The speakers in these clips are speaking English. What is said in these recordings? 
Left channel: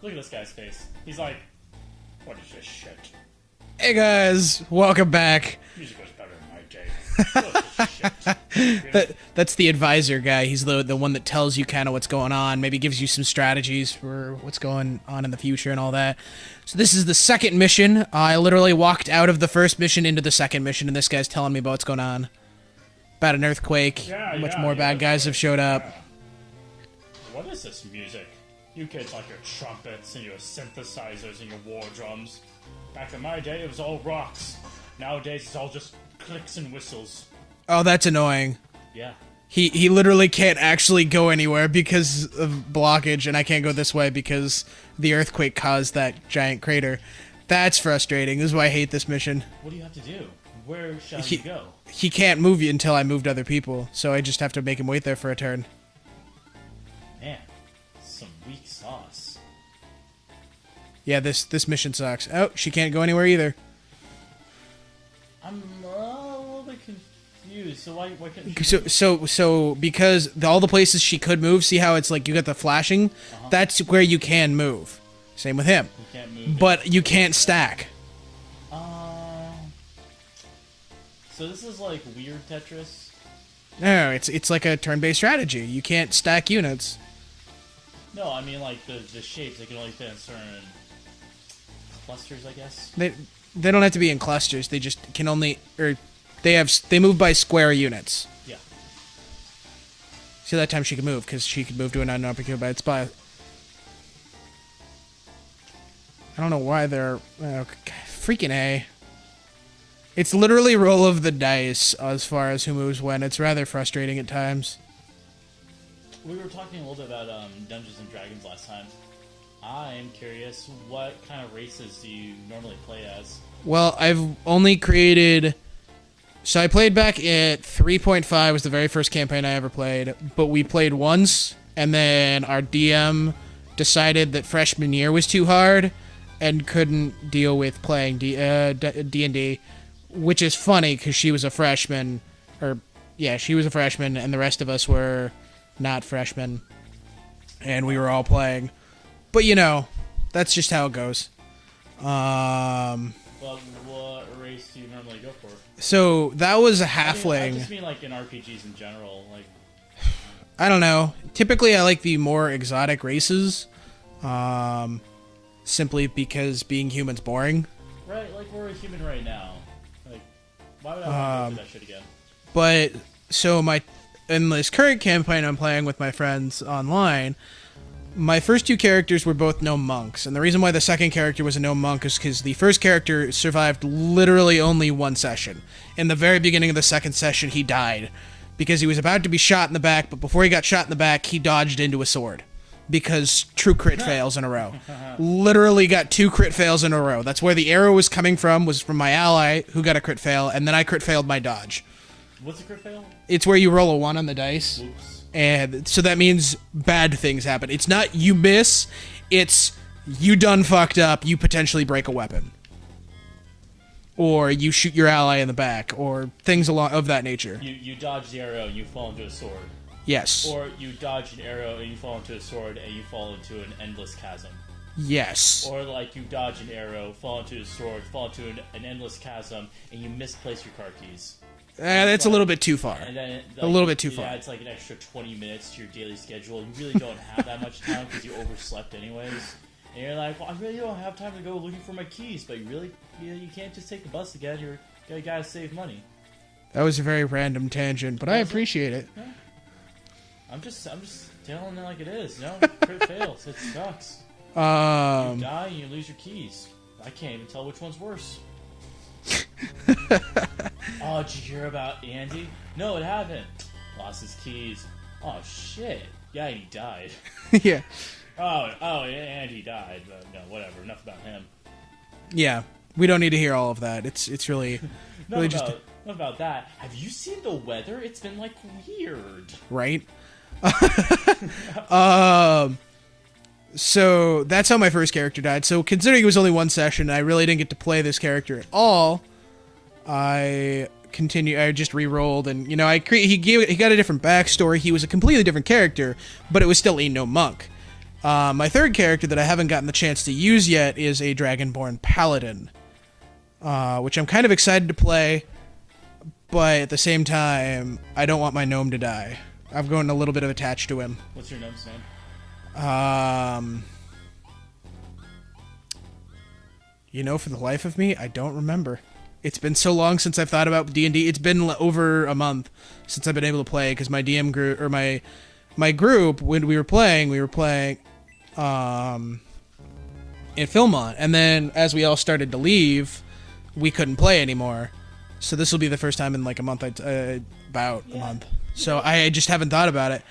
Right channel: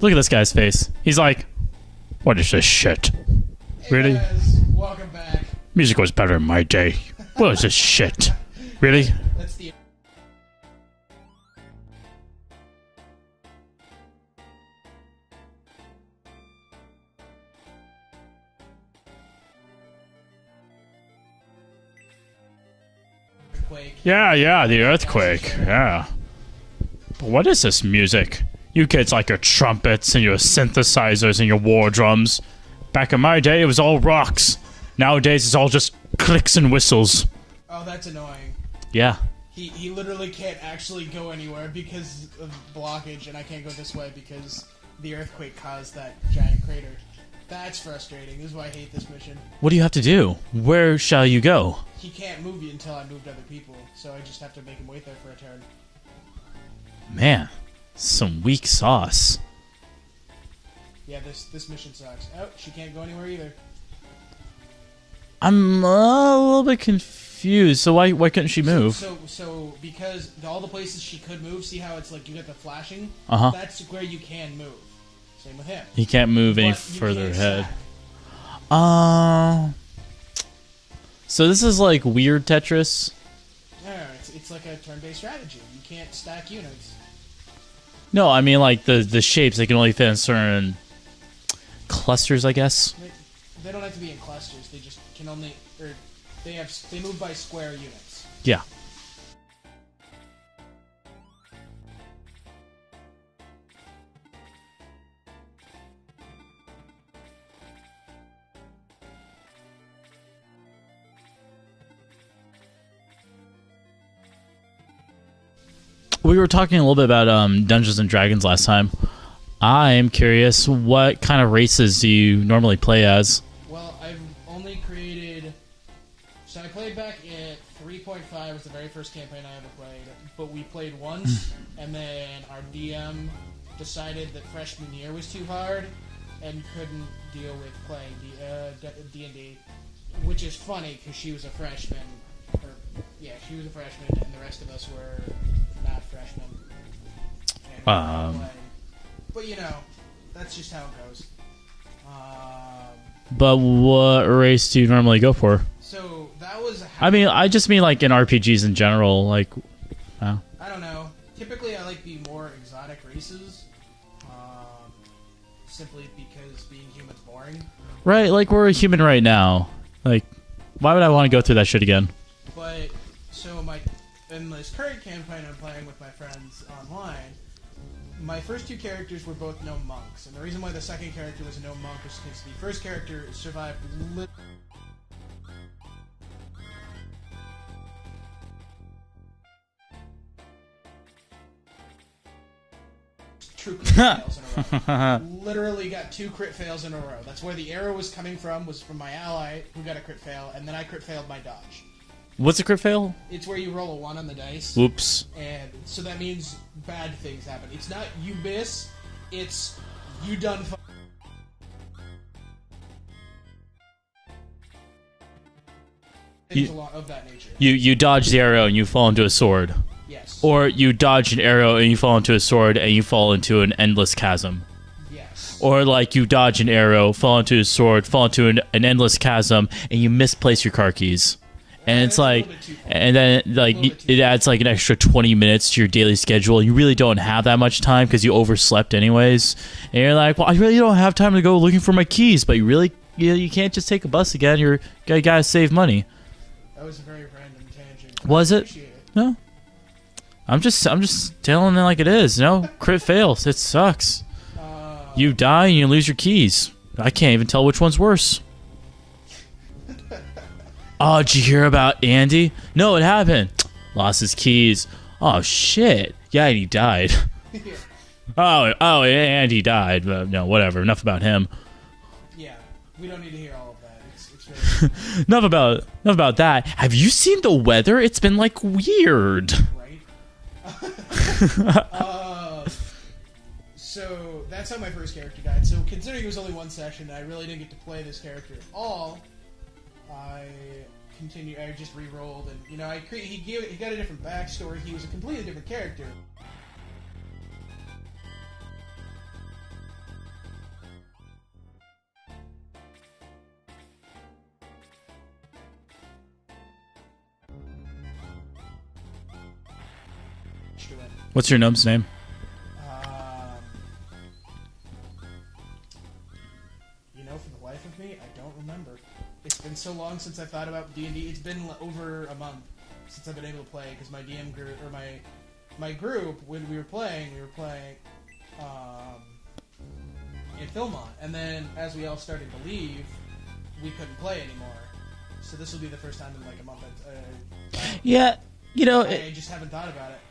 Look at this guy's face. He's like, what is this shit? Hey Really? guys, welcome back. Music was better in my day. What is this shit? Really? That's the advisor guy. He's the one that tells you kind of what's going on, maybe gives you some strategies for what's going on in the future and all that. So this is the second mission. I literally walked out of the first mission into the second mission, and this guy's telling me about what's going on. About an earthquake. Yeah, More the bad guys who earthquake. showed up. Yeah. But what is this music? You kids like your trumpets and your synthesizers and your war drums. Back in my day, it was all rocks. Nowadays, it's all just clicks and whistles. Oh, that's annoying. Yeah. He literally can't actually go anywhere because of blockage, and I can't go this way because the earthquake caused that giant crater. That's frustrating. This is why I hate this mission. What do you have to do? Where shall you go? He can't move you until I moved other people, so I just have to make him wait there for a turn. Man, some weak sauce. Yeah, this mission sucks. Oh, she can't go anywhere either. I'm a little bit confused. So why couldn't she move? So because all the places she could move, see how it's like you got the flashing? That's where you can move. Same with him. He can't move any But you further can't ahead. stack. So this is like weird Tetris? No, it's like a turn-based strategy. You can't stack units. No, I mean like the shapes, they can only fit in certain clusters, I guess. They don't have to be in clusters. They just can only they move by square units. Yeah. See, that time she could move because she could move to an unoccupied spot. I don't know why they're freaking A. It's literally roll of the dice as far as who moves when. It's rather frustrating at times. We were talking a little bit about Dungeons and Dragons last time. I'm curious, what kind of races do you normally play as? Well, I've only created... So I played back at 3.5 was the very first campaign I ever played, but we played once, and then our DM decided that freshman year was too hard and couldn't deal with playing D&D, which is funny because she was a freshman, she was a freshman, and the rest of us were not freshmen, and we were all playing. But, that's just how it goes. But what race do you normally go for? So that was a halfling. I mean, I just mean like in RPGs in general, like... I don't know. Typically, I like the more exotic races, simply because being human's boring. Right, like we're a human right now. Like, why would I want to go through that shit again? But, so in this current campaign I'm playing with my friends online, my first two characters were both gnome monks, and the reason why the second character was a gnome monk is because the first character survived literally only one session. In the very beginning of the second session, he died because he was about to be shot in the back, but before he got shot in the back, he dodged into a sword because true crit fails in a row. Literally got 2 crit fails in a row. That's where the arrow was coming from, was from my ally who got a crit fail, and then I crit failed my dodge. What's a crit fail? It's where you roll a 1 on the dice. Oops. And so that means bad things happen. It's not you miss, it's you done fucked up, you potentially break a weapon. Or you shoot your ally in the back, or things of that nature. You dodge the arrow and you fall into a sword. Yes. Or you dodge an arrow and you fall into a sword and you fall into an endless chasm. Yes. Or like you dodge an arrow, fall into a sword, fall into an endless chasm, and you misplace your car keys. And it's like, a little bit too far. And then like it adds like an extra 20 minutes to your daily schedule. You really don't have that much time because you overslept anyways. And you're like, well, I really don't have time to go looking for my keys. But you can't just take a bus again. You gotta save money. That was a very random tangent, but Was I appreciate it. No, I'm just telling it like it is. Crit fails. It sucks. You die and you lose your keys. I can't even tell which one's worse. Oh, did you hear about Andy? No, it happened. Lost his keys. Oh, shit. Yeah, and he died. Yeah. Oh, and he died. No, whatever. Enough about him. Yeah. We don't need to hear all of that. It's really... enough about that. Have you seen the weather? It's been, like, weird. Right? So, that's how my first character died. So, considering it was only one session, I really didn't get to play this character at all. I just re-rolled, and he got a different backstory. He was a completely different character, but it was still a gnome monk. My third character that I haven't gotten the chance to use yet is a Dragonborn Paladin, which I'm kind of excited to play, but at the same time, I don't want my gnome to die. I've gotten a little bit of attached to him. What's your gnome's name? You know, for the life of me, I don't remember. It's been so long since I've thought about D&D. It's been over a month since I've been able to play, because my DM group, or my group, when we were playing in Philmont, and then as we all started to leave, we couldn't play anymore. So this will be the first time in like a month about. Yeah, you know, I just haven't thought about it.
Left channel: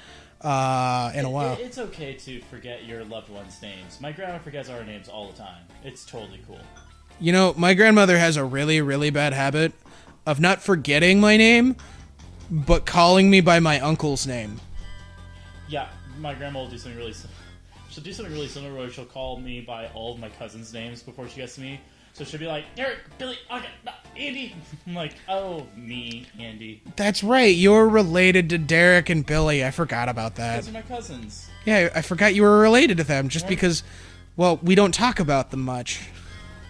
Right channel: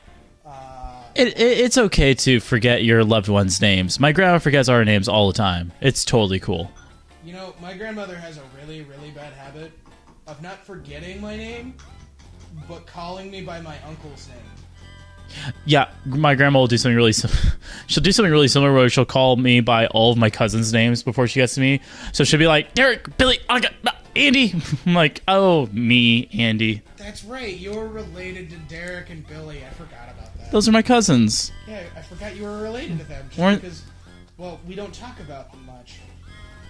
In a while. It's okay to forget your loved ones' names. My grandma forgets our names all the time. It's totally cool. You know, my grandmother has a really, really bad habit of not forgetting my name, but calling me by my uncle's name. Yeah, my grandma will do something really she'll do something really similar where she'll call me by all of my cousins' names before she gets to me. So she'll be like, Derek, Billy, Andy. I'm like, oh, me, Andy. That's right. You're related to Derek and Billy. I forgot about that. Those are my cousins. Yeah, I forgot you were related to them just because, well, we don't talk about them much.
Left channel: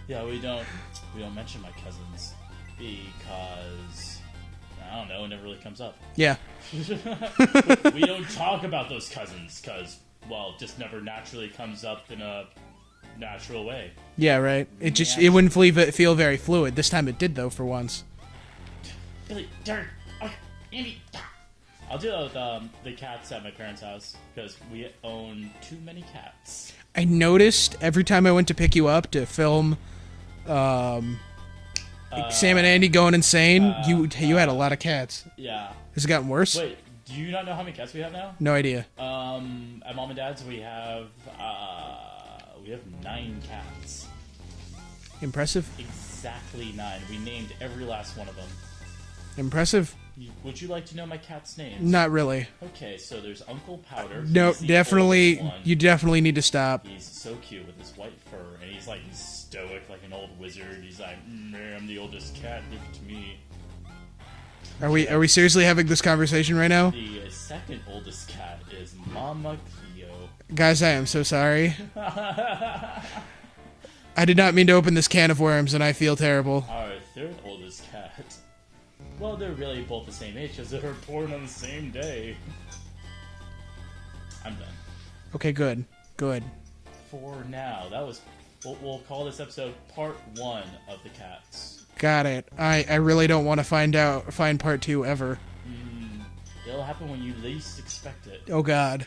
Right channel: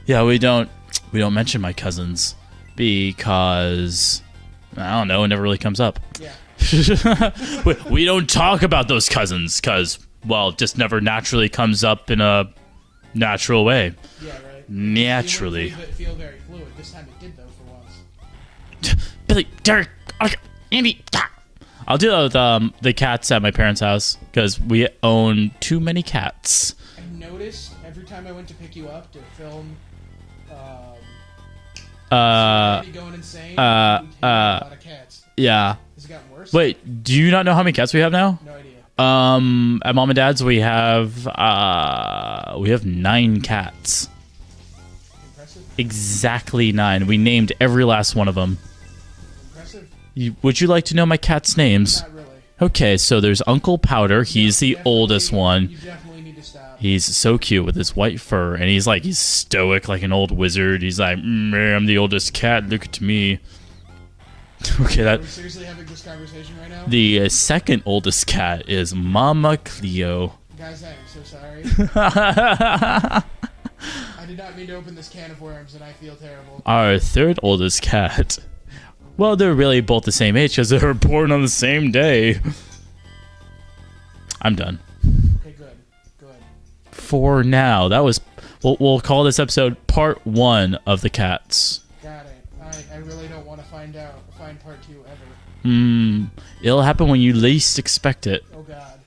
Yeah, we don't mention my cousins because I don't know, it never really comes up. Yeah. We don't talk about those cousins because, well, it just never naturally comes up in a natural way. Yeah, right. It wouldn't feel very fluid. This time it did, though, for once. Billy, Derek, Andy. I'll do that with the cats at my parents' house because we own too many cats. I noticed every time I went to pick you up to film Sam and Andy going insane, you had a lot of cats. Yeah. Has it gotten worse? Wait, do you not know how many cats we have now? No idea. At Mom and Dad's we have 9 cats. Impressive. Exactly 9. We named every last one of them. Impressive. Would you like to know my cats' names? Not really. Okay, so there's Uncle Powder. He's the oldest one. You definitely need to stop. He's so cute with his white fur, and he's stoic like an old wizard. He's like, I'm the oldest cat. Look at me. Are we seriously having this conversation right now? The second oldest cat is Mama Cleo. Guys, I am so sorry. I did not mean to open this can of worms, and I feel terrible. Our third oldest cat. Well, they're really both the same age because they were born on the same day. I'm done. Okay, good. For now, that was. We'll call this episode part 1 of the cats. Got it. I really don't want to find part 2 ever. It'll happen when you least expect it. Oh God.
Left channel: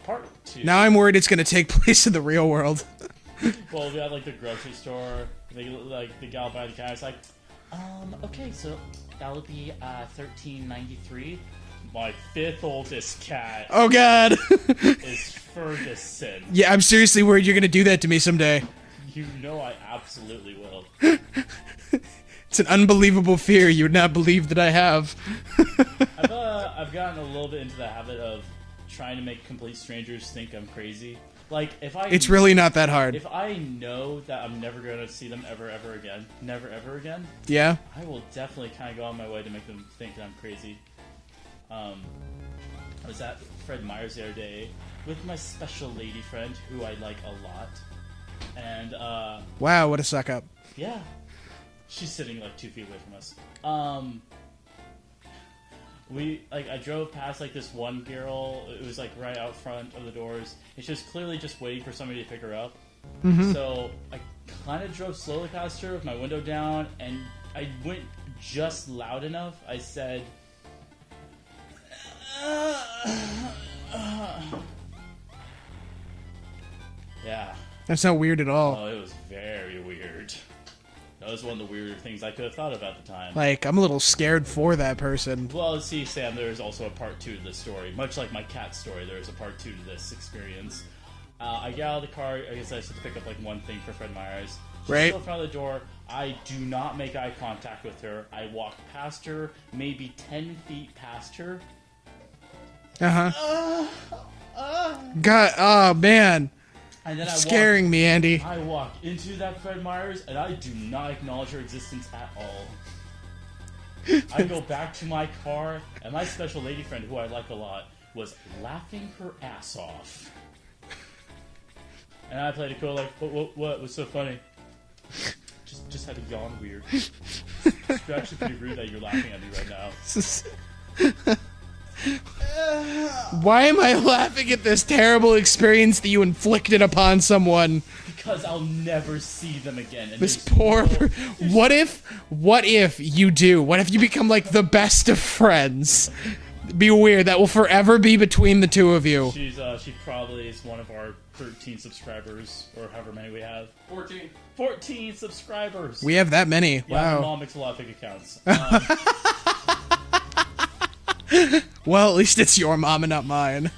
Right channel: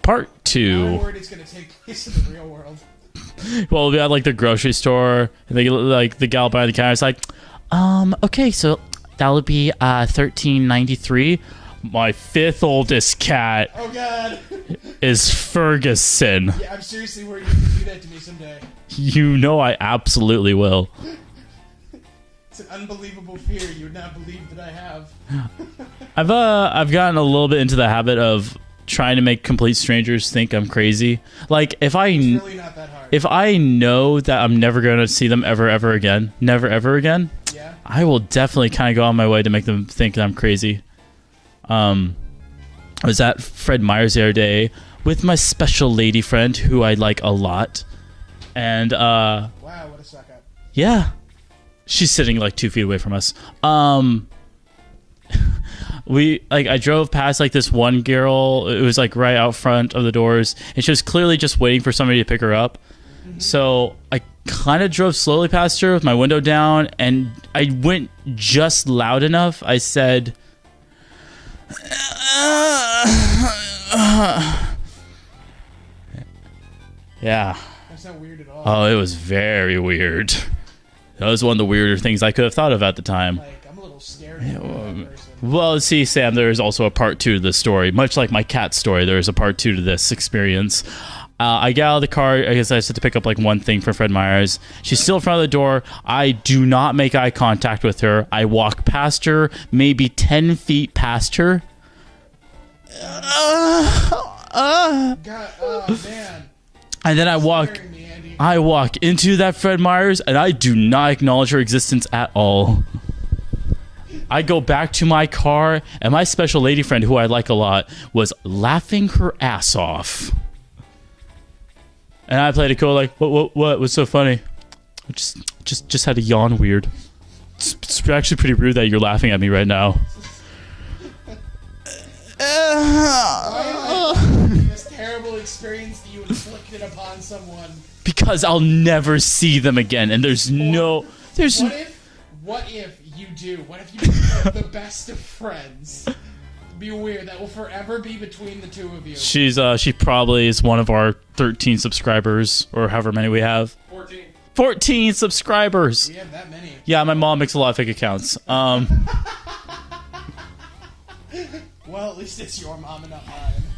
Part 2. Now I'm worried it's gonna take place in the real world. Well, we had the grocery store, and the gal behind the counter is like, okay, so that would be $13.93. My 5th oldest cat. Oh God. is Ferguson. Yeah, I'm seriously worried you're gonna do that to me someday. You know I absolutely will. It's an unbelievable fear you would not believe that I have. I've gotten a little bit into the habit of trying to make complete strangers think I'm crazy. It's really not that hard. If I know that I'm never going to see them ever again, yeah, I will definitely kind of go on my way to make them think that I'm crazy. I was at Fred Meyer's the other day with my special lady friend who I like a lot. And wow, what a suck up. Yeah. She's sitting 2 feet away from us. I drove past this one girl. It was right out front of the doors, and she was clearly just waiting for somebody to pick her up. Mm-hmm. So I kind of drove slowly past her with my window down, and I went just loud enough. I said, yeah. That's not weird at all. Oh, it was very weird. That was one of the weirder things I could have thought of at the time. I'm a little scared for that person. Well, see, Sam, there is also a part 2 to this story. Much like my cat story, there is a part 2 to this experience. I get out of the car. I guess I just had to pick up one thing for Fred Meyer's. She's still in front of the door. I do not make eye contact with her. I walk past her, maybe 10 feet past her. God, oh man. And then scaring me, Andy. I walk into that Fred Meyer's, and I do not acknowledge her existence at all. I go back to my car, and my special lady friend, who I like a lot, was laughing her ass off. And I played it cool, like, what was so funny? Just had to yawn weird. It's actually pretty rude that you're laughing at me right now. Why am I laughing at this terrible experience that you inflicted upon someone? Because I'll never see them again, and there's no... What if you do? What if you become like the best of friends? Be weird. That will forever be between the two of you. She probably is one of our 13 subscribers, or however many we have. 14 subscribers. We have that many. Yeah, wow. My mom makes a lot of fake accounts. Well, at least it's your mom and not mine.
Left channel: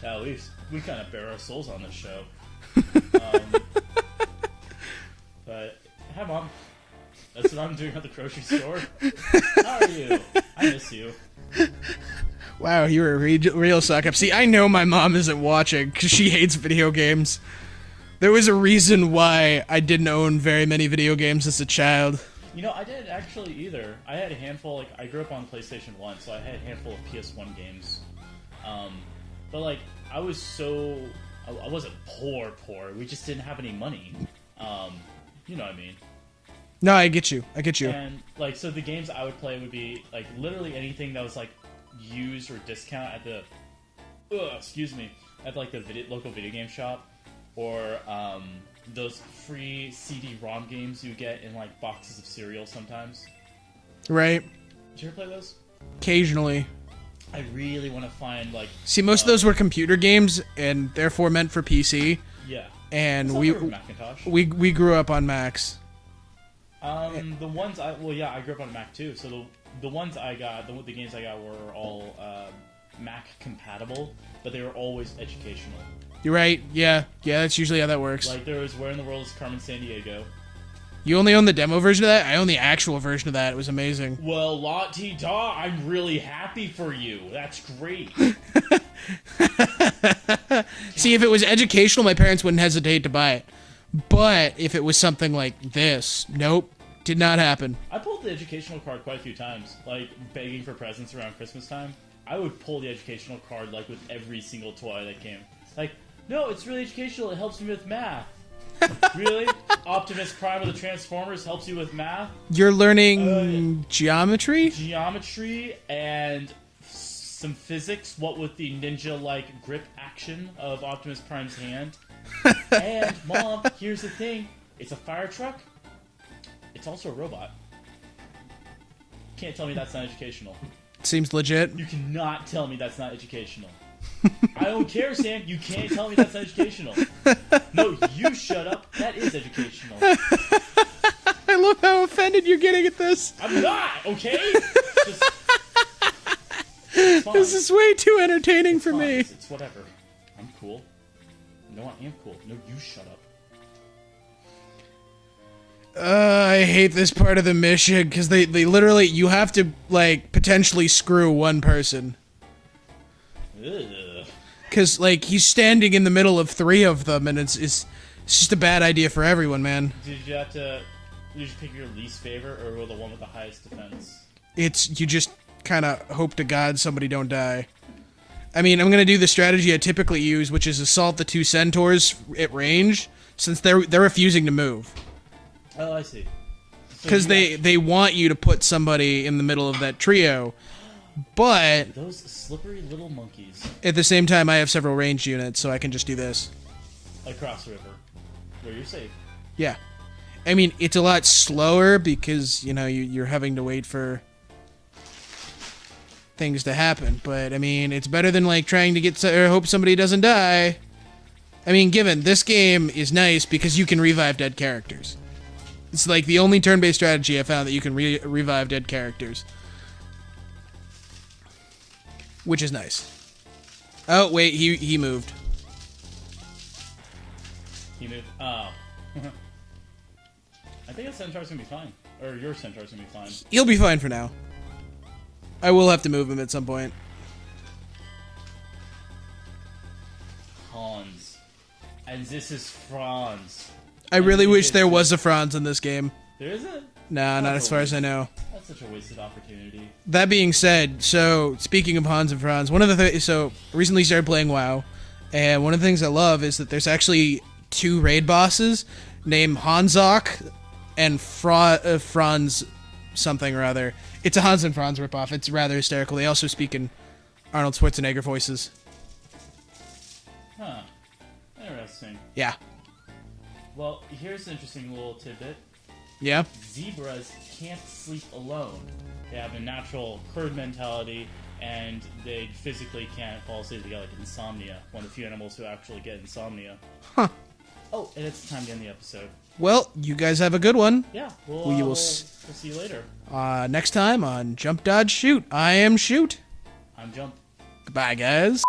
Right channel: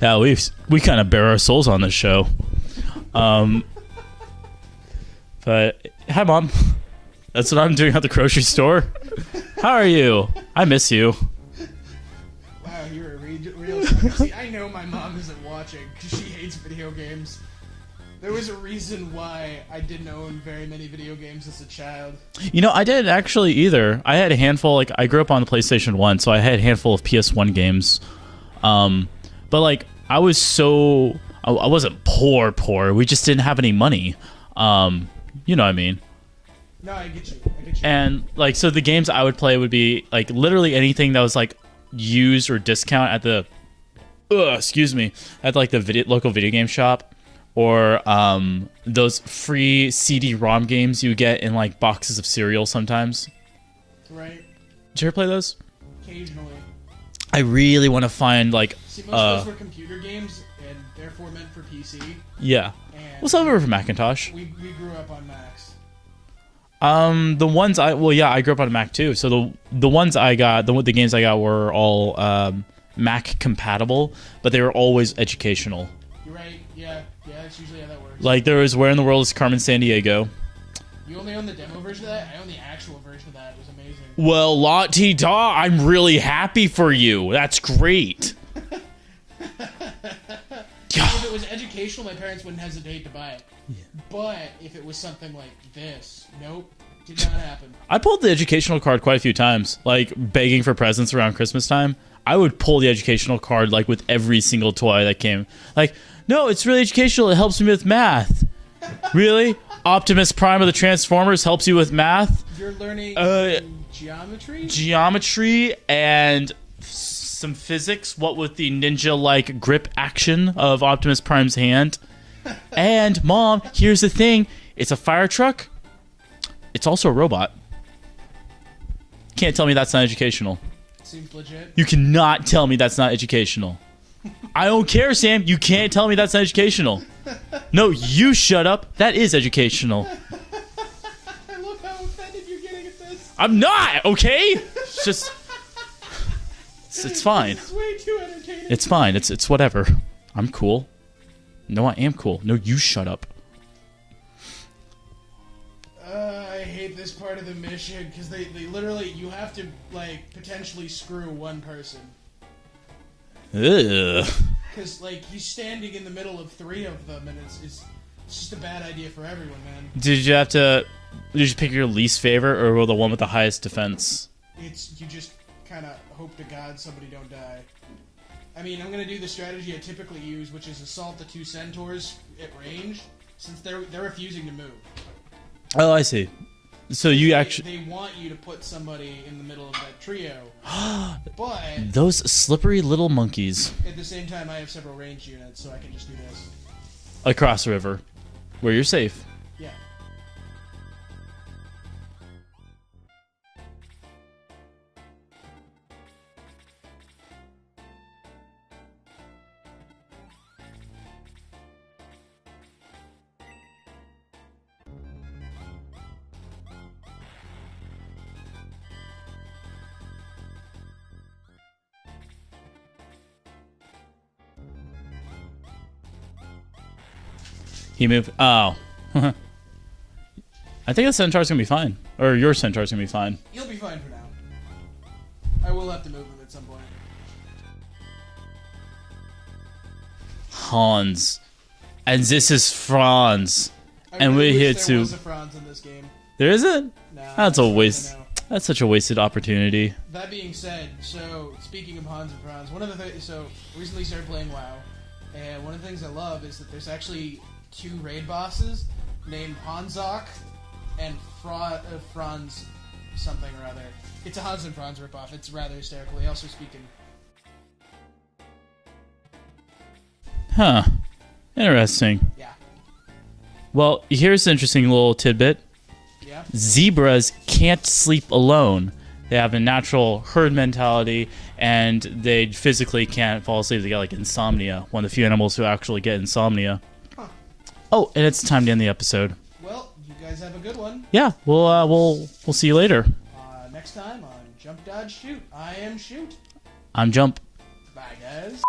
Yeah, we kind of bare our souls on this show. But hi, Mom. That's what I'm doing at the grocery store. How are you? I miss you. Wow, you're a real suck up. See, I know my mom isn't watching because she hates video games. There was a reason why I didn't own very many video games as a child. You know, I didn't actually either. I had a handful. Like, I grew up on the PlayStation 1, so I had a handful of PS1 games. But like, I wasn't poor. We just didn't have any money. You know what I mean? No, I get you. And like, so the games I would play would be like literally anything that was like used or discount at the, at like the local video game shop, or those free CD-ROM games you get in like boxes of cereal sometimes. Right. Did you ever play those? Occasionally. I really want to find like. See, most of those were computer games and therefore meant for PC. Yeah. And well, some were for Macintosh. We grew up on Macs. The ones I grew up on a Mac too. So the ones I got, the games I got were all Mac compatible, but they were always educational. You're right. Yeah, that's usually how that works. Like there was Where in the World is Carmen Sandiego. You only own the demo version of that? I own the actual version of that. It was amazing. Well, la-ti-da, I'm really happy for you. That's great. See, if it was educational, my parents wouldn't hesitate to buy it. But if it was something like this, nope, did not happen. I pulled the educational card quite a few times, like begging for presents around Christmas time. I would pull the educational card like with every single toy that came. Like, no, it's really educational. It helps me with math. Really? Optimus Prime of the Transformers helps you with math? You're learning geometry? Geometry and some physics. What with the ninja-like grip action of Optimus Prime's hand. And, Mom, here's the thing. It's a fire truck. It's also a robot. Can't tell me that's not educational. Seems legit. You cannot tell me that's not educational. I don't care, Sam. You can't tell me that's not educational. No, you shut up. That is educational. I love how offended you're getting at this. I'm not, okay? It's just... It's fine. This is way too entertaining It's for fine. me. It's whatever. I'm cool. No, I am cool. No, you shut up. I hate this part of the mission because they literally, you have to like potentially screw one person. Ugh. Because like he's standing in the middle of three of them, and it's just a bad idea for everyone, man. Did you pick your least favorite or the one with the highest defense? You just kind of hope to God somebody don't die. I mean, I'm gonna do the strategy I typically use, which is assault the two centaurs at range, since they're refusing to move. Oh, I see. So because they want you to put somebody in the middle of that trio, but those slippery little monkeys. At the same time, I have several ranged units, so I can just do this across the river, where you're safe. Yeah, I mean it's a lot slower because you're having to wait for things to happen, but I mean it's better than like trying to get or hope somebody doesn't die. I mean, given this game is nice because you can revive dead characters. It's like the only turn-based strategy I found that you can revive dead characters. Which is nice. Oh, wait, he moved. He moved? Oh. I think the Centaur's gonna be fine. Or your Centaur's gonna be fine. He'll be fine for now. I will have to move him at some point. Hans. And this is Franz. I really wish there was a Franz in this game. There isn't? Nah, not as far as I know. That's such a wasted opportunity. That being said, so speaking of Hans and Franz, one of the so recently started playing WoW, And one of the things I love is that there's actually 2 raid bosses named Hanzok and Franz something or other. It's a Hans and Franz ripoff. It's rather hysterical. They also speak in Arnold Schwarzenegger voices. Huh. Interesting. Yeah. Well, here's an interesting little tidbit. Yeah? Zebras can't sleep alone. They have a natural herd mentality, and they physically can't fall asleep. They got like insomnia. One of the few animals who actually get insomnia. Huh. Oh, and it's time to end the episode. Well, you guys have a good one. Yeah, we'll see you later. Next time on Jump, Dodge, Shoot. I am Shoot. I'm Jump. Goodbye, guys.